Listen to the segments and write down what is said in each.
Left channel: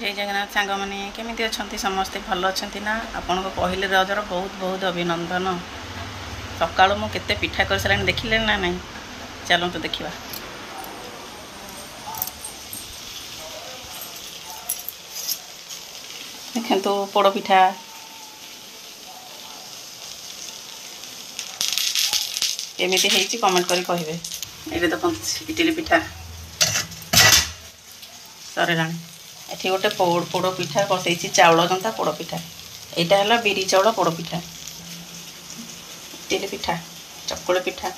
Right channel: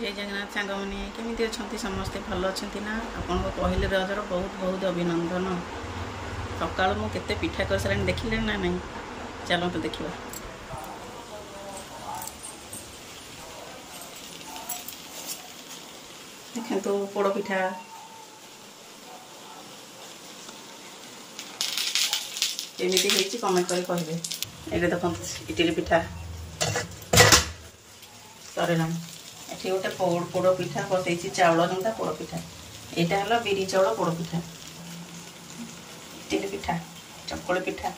जय जगन्नाथ सांग मैंने केमी अच्छा समस्ते भल अच्छा ना आपण को पहले रजर बहुत बहुत अभिनंदन। सकाळु मु केते पिठा कर सारे देखिले ना नहीं चलतु देखा। देखंतु पोड़ पिठा केमिति हेची कमेंट करी कहिबे। एबे देखो इडली पिठा सरलाणी एठी गोटे पोड़ पिठा बसैछि चाउल जंता पोड़ पिठा एटा हला बिरी चाउल पोड़ पिठा इडली पिठा चकुली पिठा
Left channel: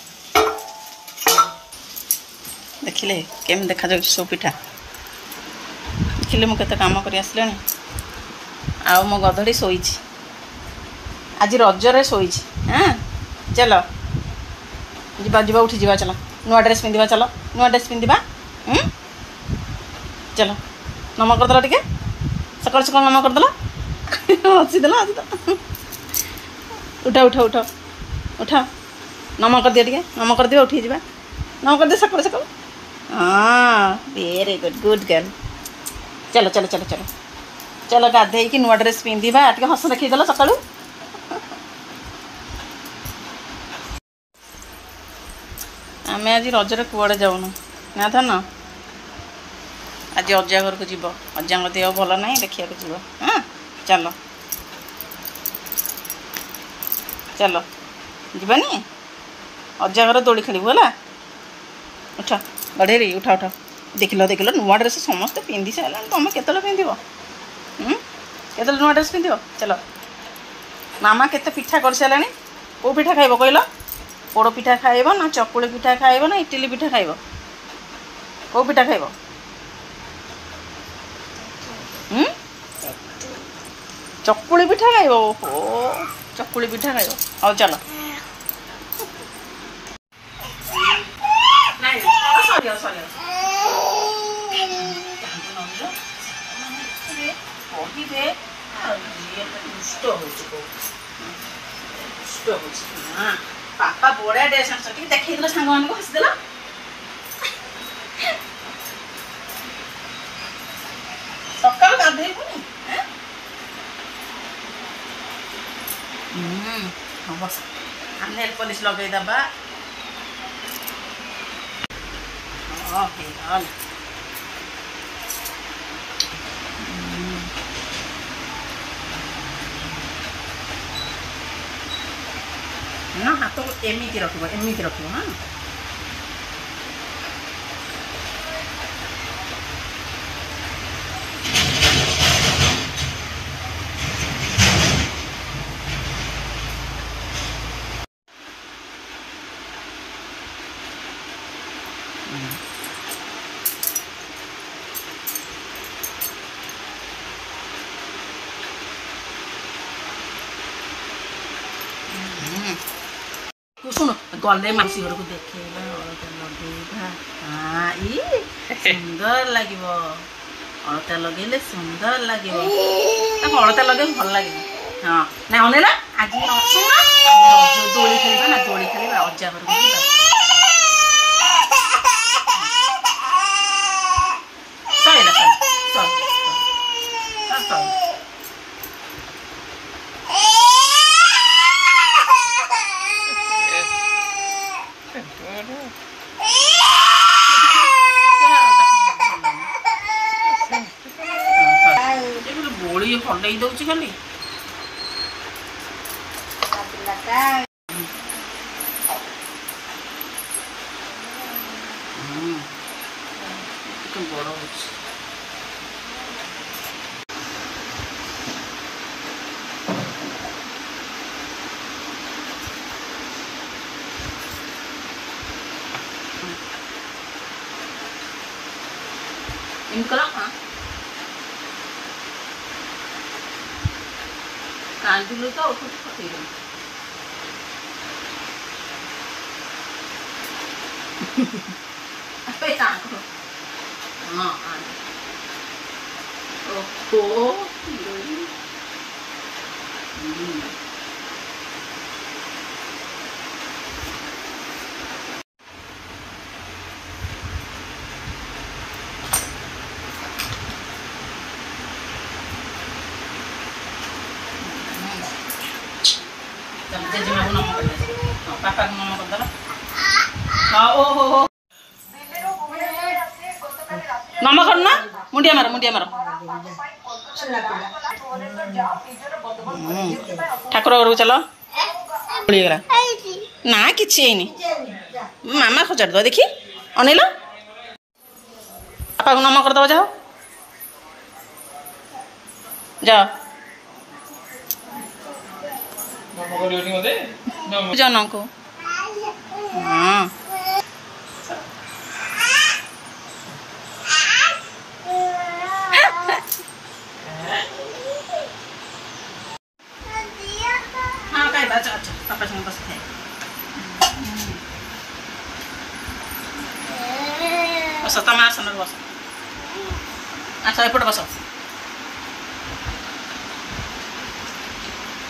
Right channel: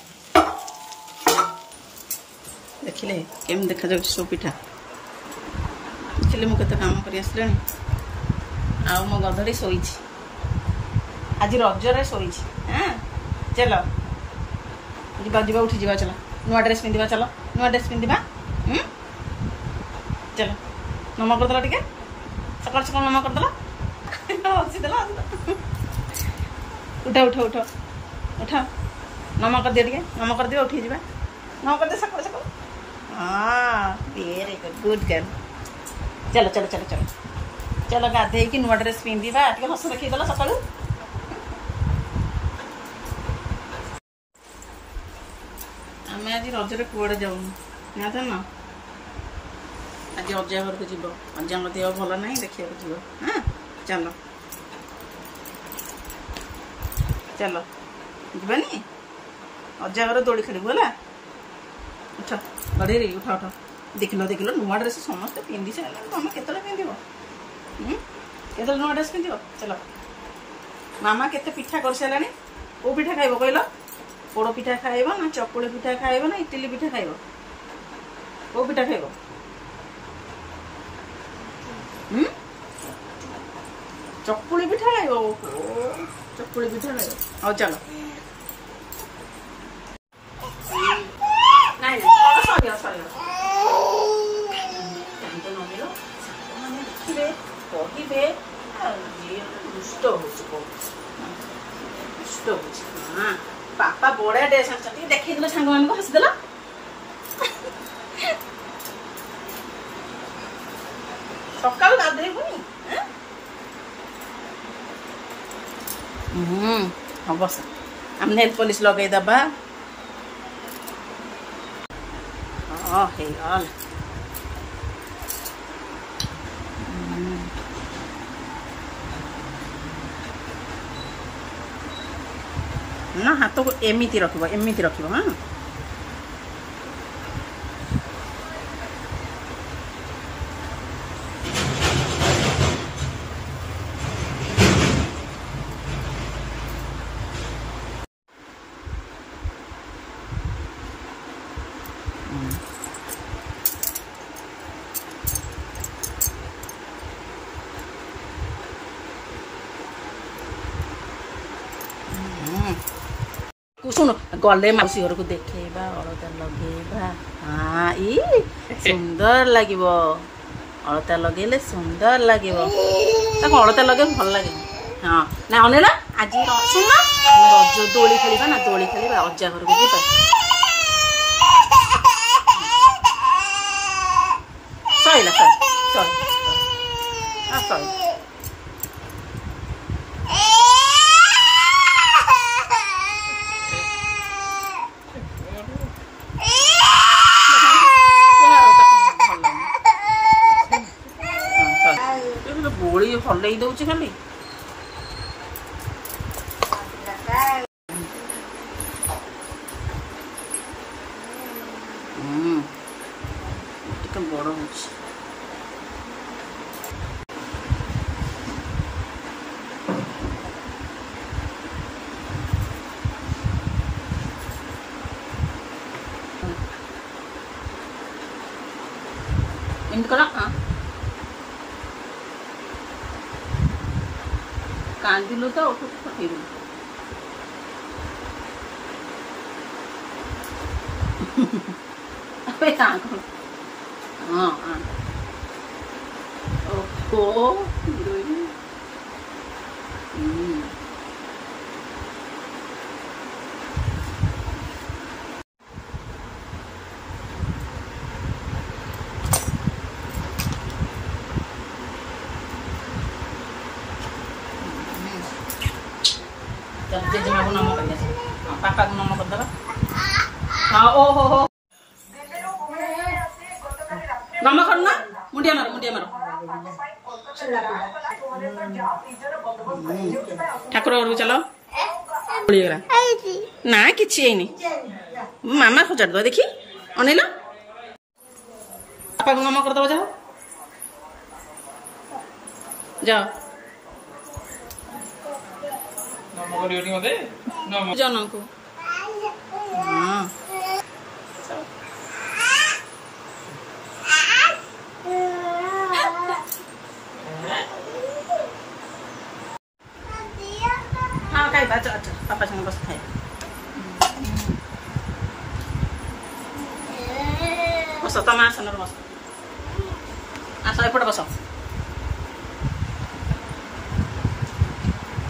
देखिले केम देखा जाउ सब पिठा देखिले मु केते काम करी आसलेनी आ मो गधड़ी सोईछि आज रजरे सोईछि। हां चलो जीवा जीवा उठी जीवा चलो नुआ ड्रेस पिंदिबा चलो नुआ ड्रेस पिंदिबा चलो नम करदेला टिके सकाल सकाल नम करदेला हसीदेला उठा उठा उठा उठा नम कर दिया टिके नम कर दिया उठी जीवा नम कर दे सकाल सकाल। हाँ वेरी गुड गुड गर्ल चलो चलो चलो चलो चलो गाधे कि नुआ ड्रेस पिंदिबा टिके हस देखैदेला सकाळू। आम आज रजरे कुआड़े जाऊनु ना था ना आज अजा घर को जीव अजा देह भल ना देखा जीव। हाँ चलो चलो जीवानी अजा घर दोड़ी खेलू है उठ गढ़ेरी उठा उठ देख लो नुआ ड्रेस समस्त पिंधि सारा तुम केतले पिंध केतले नुआ ड्रेस पिंध चलो मामा केते पिठा कर सारानी को पिठा खाइब कहल पोड़ पिठा खाइब ना चकुली पिठा खाइब ना इडली पिठा खाइब को पिठा खाइब चकुली पिठा खाइब। ओहो चकुली पिठा खाइब आओ चलो सॉरी सॉरी कहे दुष्ट हो पापा बड़ा ड्रेस देखे सांग मान को हसीदेल सकाल गाधेबुनी हम हम नेल पॉलिश लगेदबा ना हाथ को एमती रखब हाँ सुन गले मासी घर को देखेबा अलता लगेबा। हाँ ई सुंदर लागिबो अलता लगेले सुंदर लागिबो ताको अलता लगे भल लागे। हाँ ना अनेला आज रज दोली खेलिबा ना दोली खेलिबा अजा घर को जीबा सइला सइला गोली हल्लई दौची खाली बड़ हो कांदिलु तो उठ पकईलु हाँ ओहो जेजेमा को नम कर पापा को नम कर हाँ ओहो नम करना मुंडिया मार ठाकुर घर को चलो गला ना कि मामा खोजाड़ दो देखी अनिल बापा को नम करदब जाओ जाओ जन को हाँ हाँ खाई अच्छा अच्छा पापा संग बस खाए बस तुम आसन बस आस एपटे बस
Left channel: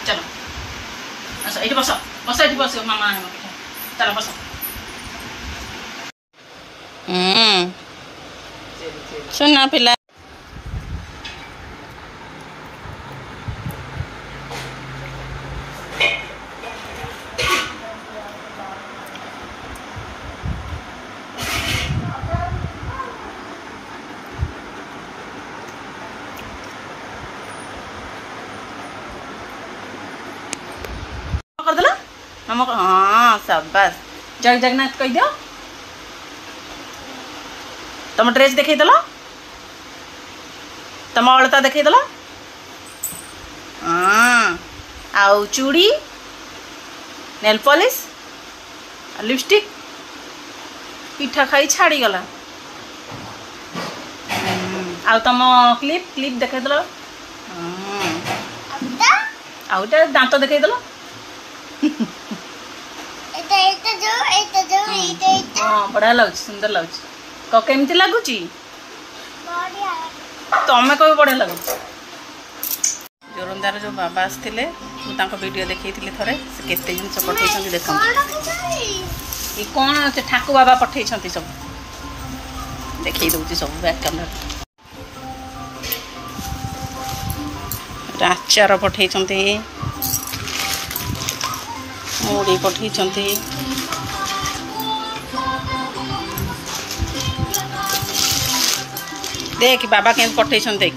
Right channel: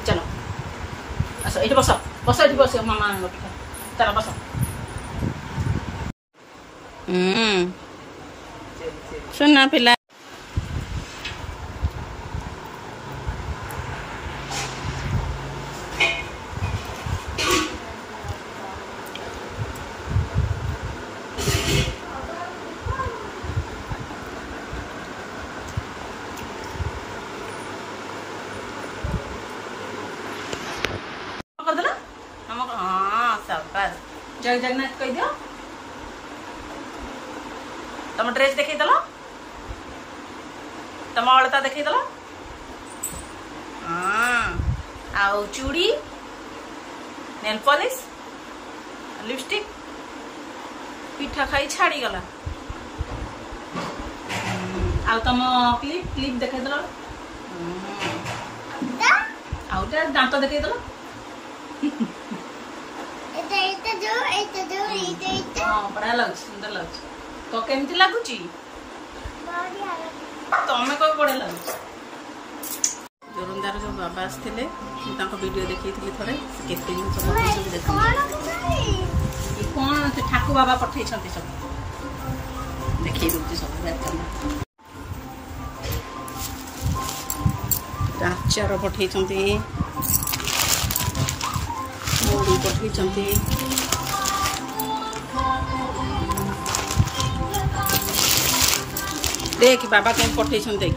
चलो अच्छा ये बस बस ये बस मामा चलो बस सुना पिला हाँ शाबाश जय जगन्नाथ कह दियो तुम ड्रेस देखे दल तुम अलता देखे दल हाँ आउ चूड़ी नेल पॉलिश लिपस्टिक पिठा खाई छाड़ी गला आउ तुम क्लिप क्लिप देखे दल आउ दांत देखे दल बढ़िया लगुच सुंदर लगुच केमती लगुच तमें कह बढ़िया लगुच जोरंदार जो बाबा आसते वीडियो देखी थे केते जिन पठे देख कौन से ठाकु बाबा पठे सब देखी दूसरी सब बैक कैमरा आचार पठे मुड़ी पठे देख बाबा के पठे देख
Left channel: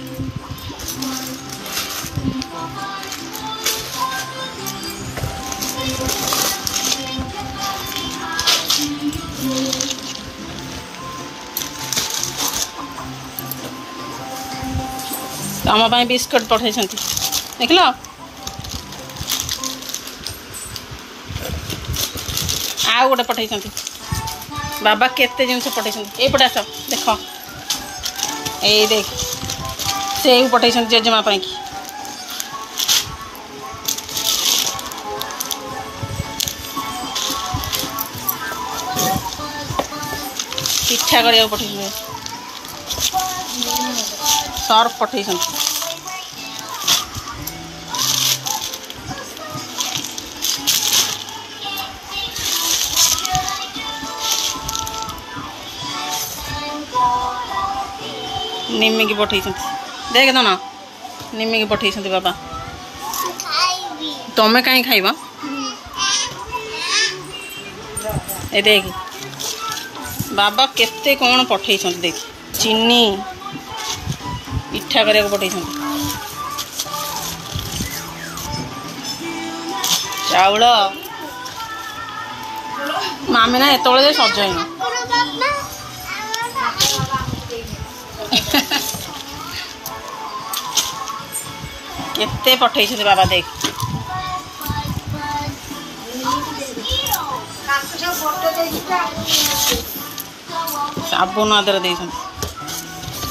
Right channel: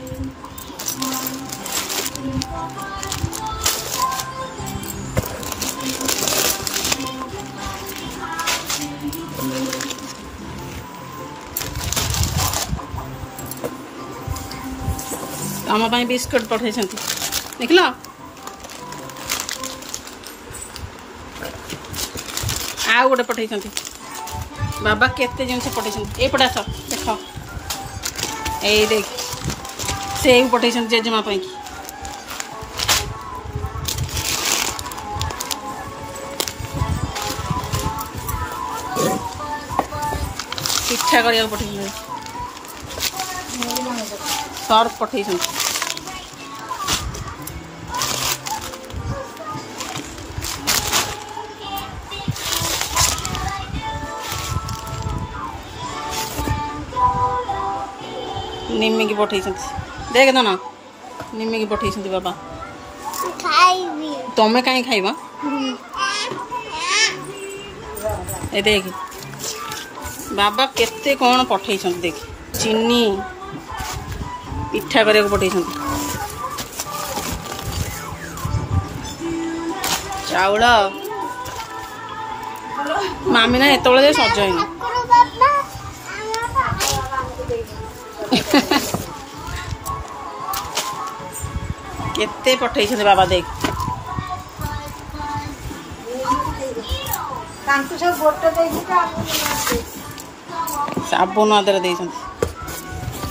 आम बिस्कुट पठे देख लो आउ गोटे पठे बाबा केते जिनस पठे एपटे आस देख यही देख से पठे जेजेमा की पिठा करिया पठे सर्फ पठे निम्मी की पठे देख दो ना निम्मी की पठे बाबा तमें कहीं खाइबा ए देख बाबा केते कौन पठे देख चीनी पिठा करिया पठे चाउल मामी ना एत सजाइन केते पठे बाबा देख साबुन आदर दे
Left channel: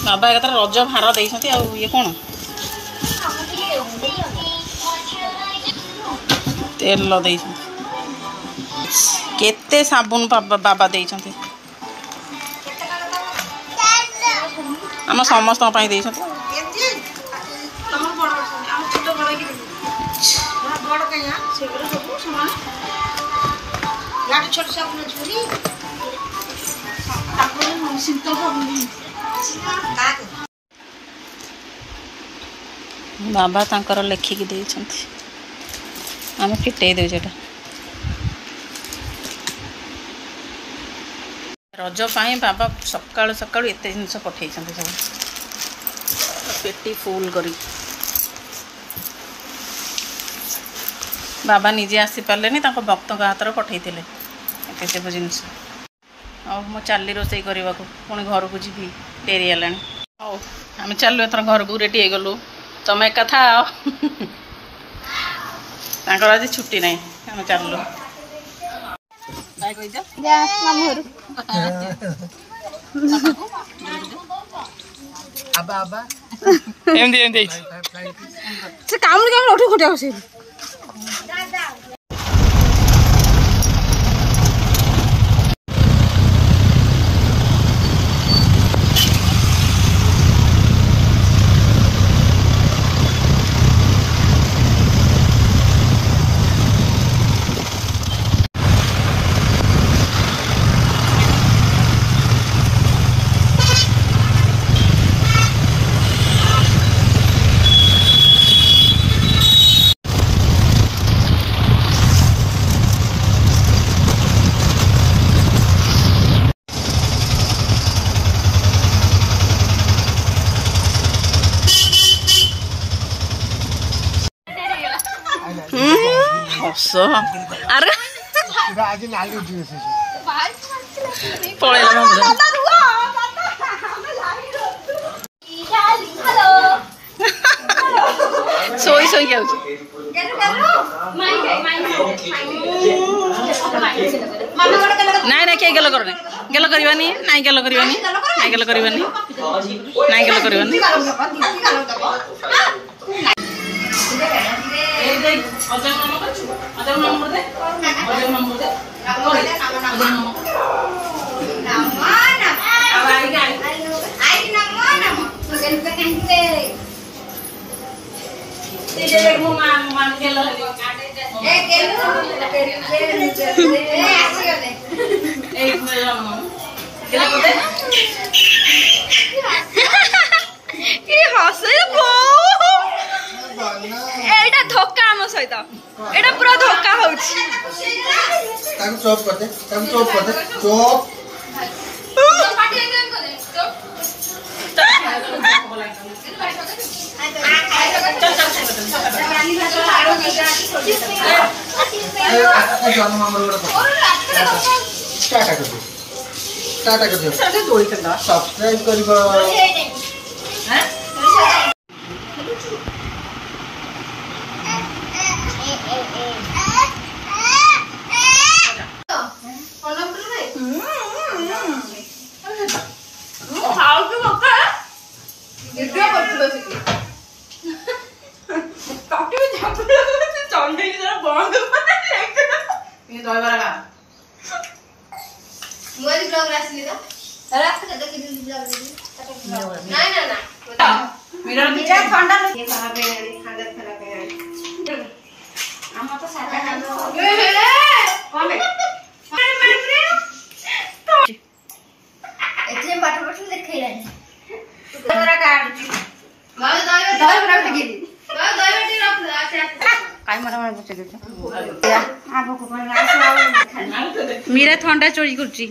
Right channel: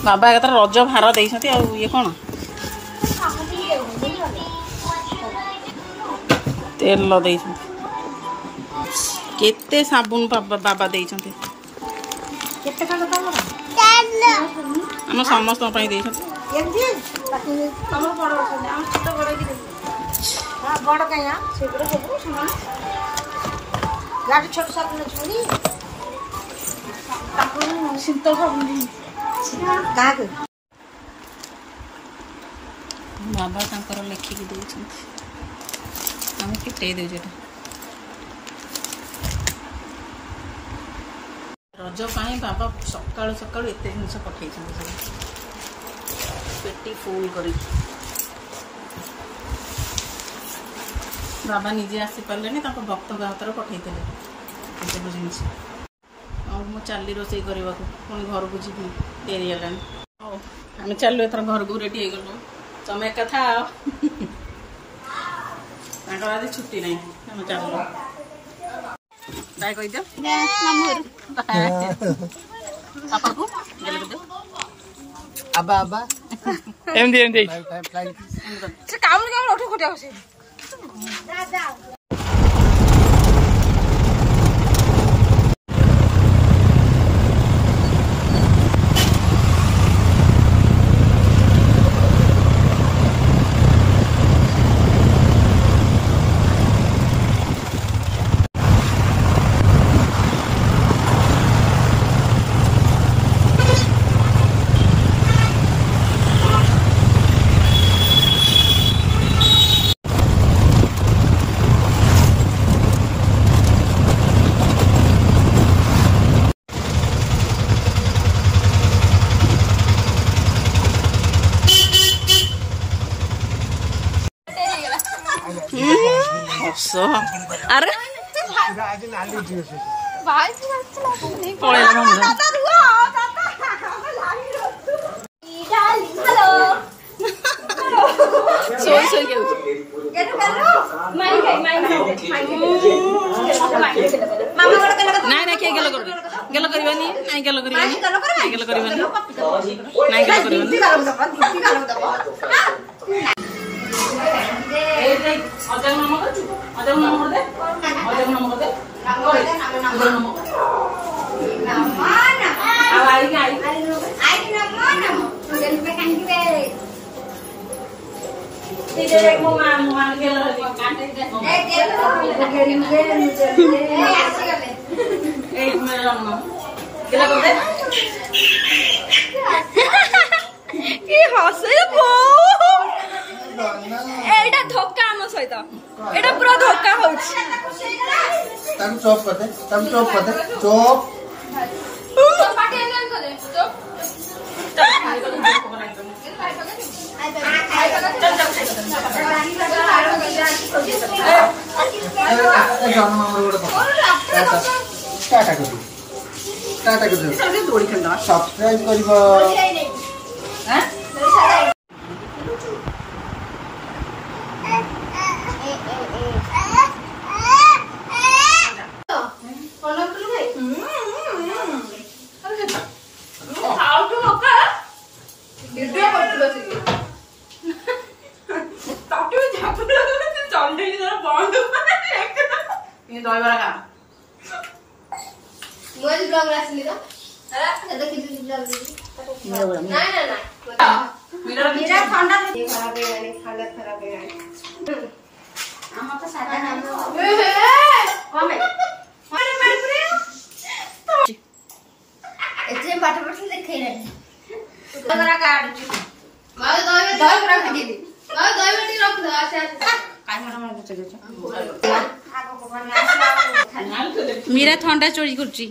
बाबा एक रज भार दे ये कौन तेल दे केते साबुन बाबा दे आम समस्त दे बाबा तांकर लेखिकी दे आम फिटे दे रज बाबा सकाळु सकाळु एते जिनस पठे सब पेटी फुल करी बाबा निजे आसी पारे भक्त हाथ पठे एत सब जिनस मु चली रोसे करने को पुणी घर को जी डेरी है आम चलु एथर घर को रेडी गलु तुम एक था आज छुट्टी ना आम चलु बाय कही पापा को आबा आबा एमदी एमदी से काम काम उठी खुटिया बसे अरे पड़ेगा सोई सोई क्या ना किए गेल कर गेल करवानी नाई गेल करवानी नाई गेल करवानी नाई गेल करवानी अजय नाम कर अजय नाम कर दे अजय नाम कर दे अजय नाम आई आई आई नाम नाम तो सेल पे कांटे ते देख मो मान गेल ए गेल करिले ए आसी गले ए मेरा नाम गेला कर दे की हसे बो एटा धोखा हम सहित एटा पूरा धोखा होउछ ताकू चॉप कर दे चॉप पार्टी एंड कर दे टाटा कर दे सब्सक्राइब करिबा हैं मीरा थंडा चोरी करची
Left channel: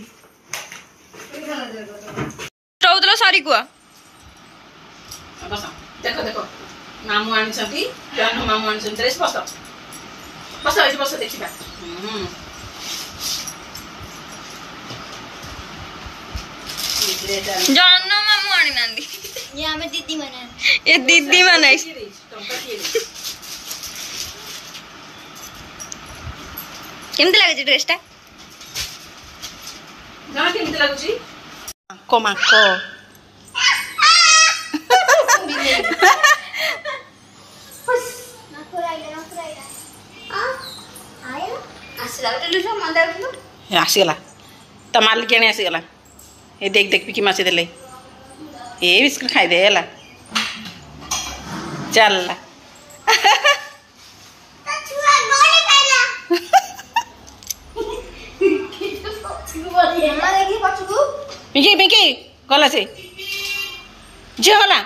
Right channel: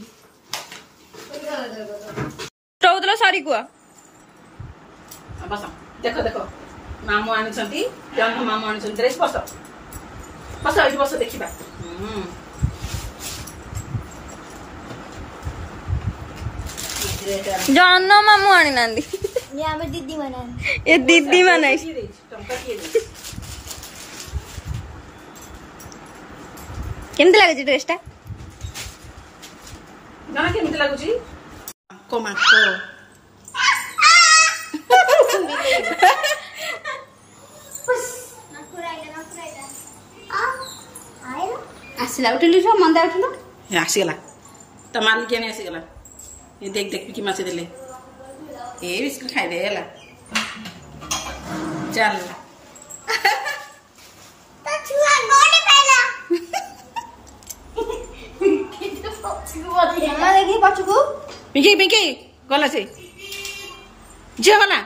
चौदला सारी कुआ बस देखो देखो मामू आनी छंती जन मामू आनी छंती ड्रेस बस बस एठी बस देखिबा जन मामू आनी नांदी ये हमें दीदी मने ये दीदी मने केमते लागे जे ड्रेस ता ना केमते लागुची को माको आसीगला ता मालिक केने आसीगला ए देख देख पिकी मासी देले ए बिस्कुट खाई दे हला चल पिंकी पिंकी गला से जे गला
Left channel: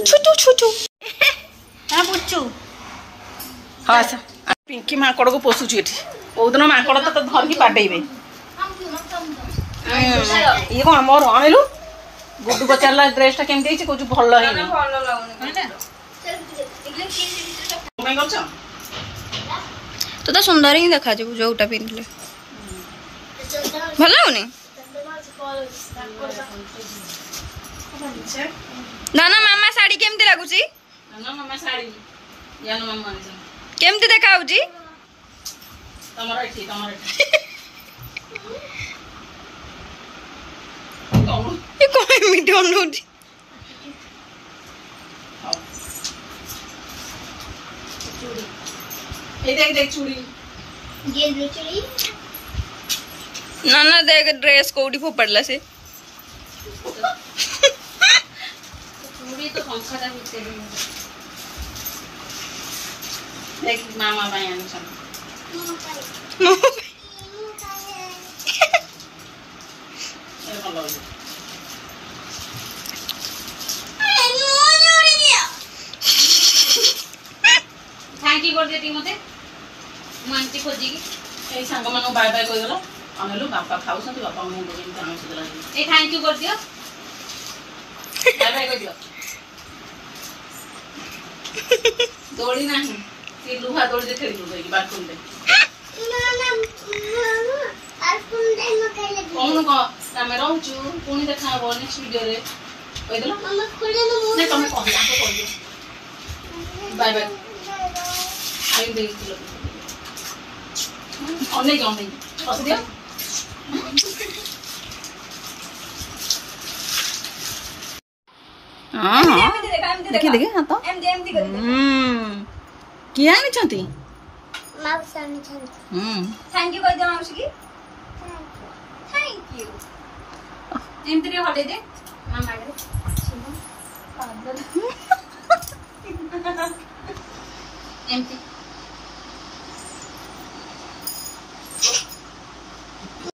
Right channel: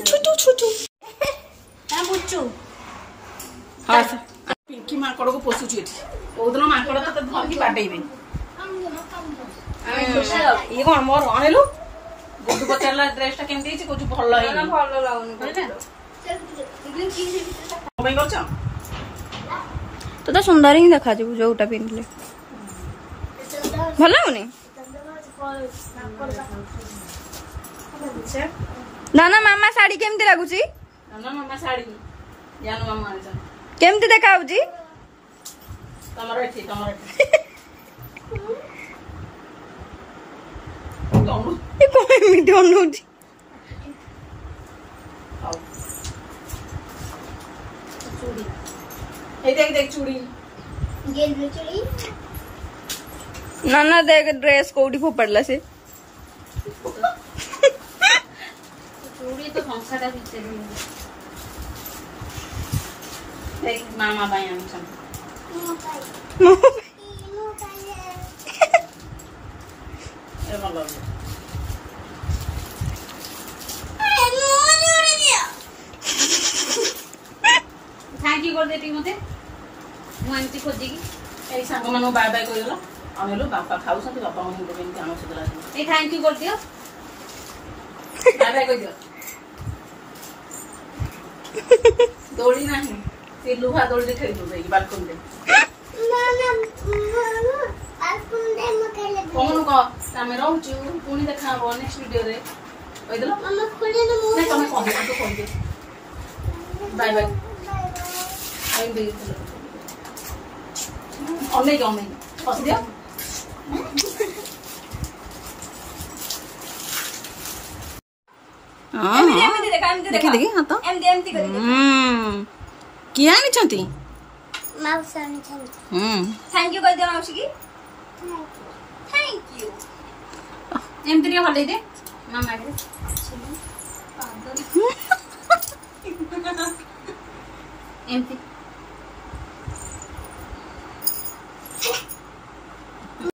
छुटू छुटू हां बुच्चू हाँ पिंकी माकड़ को पोषुची एठी ओदन माकड़ तो धरकी बाडेबे ये को हमर आइलु गुड्डू पचारला ड्रेसटा केमती ହେଇଛି कोजु ଭଲ ହେଇନି ଭଲ ଲାଗୁନି କହିଲା କମେଇ କରୁଛ तो सुंदर ही देखा जो जोटा पिंधले भल लाଗୁନି नाना मामा साड़ी केमती लागुची ना मामा साड़ी जानो मामा आनिछ केमती देखा होची तमरा एठी ये कोई मीडियो नोची चूड़ी ए देख चूड़ी नाना देख ड्रेस कोडी फोपड़ला से चूड़ी तो संखाता भीतर देख मामा भाई आनिछ ए ଭଲ ହେଇଛି थैंक यू कर देती मते मु आंटी खोजी की ए संग मानु बाय बाय कहि देलो अनेलु बापा खाउसंती बापा मु देन तानो सुदरा ए थैंक यू कर दियो बाय बाय कहि दियो दौड़ी नहीं ते लुहा दौड़ी दे खेली जाई बाथरूम दे कौन को तमे रहउछु पुनी देखा हो नेक्स्ट वीडियो रे कहि देलो मम्मा खुले न मु नहीं तमे कह तो कहि दियो बाय बाय आई देख लो ऑनलाइन पस दियो हां हां देखि देखि हां तो एमती कर किया आनी छंती माउस आनी छन थैंक यू कर दे माउस की थैंक यू एमती रे हले दे मामा रे एमती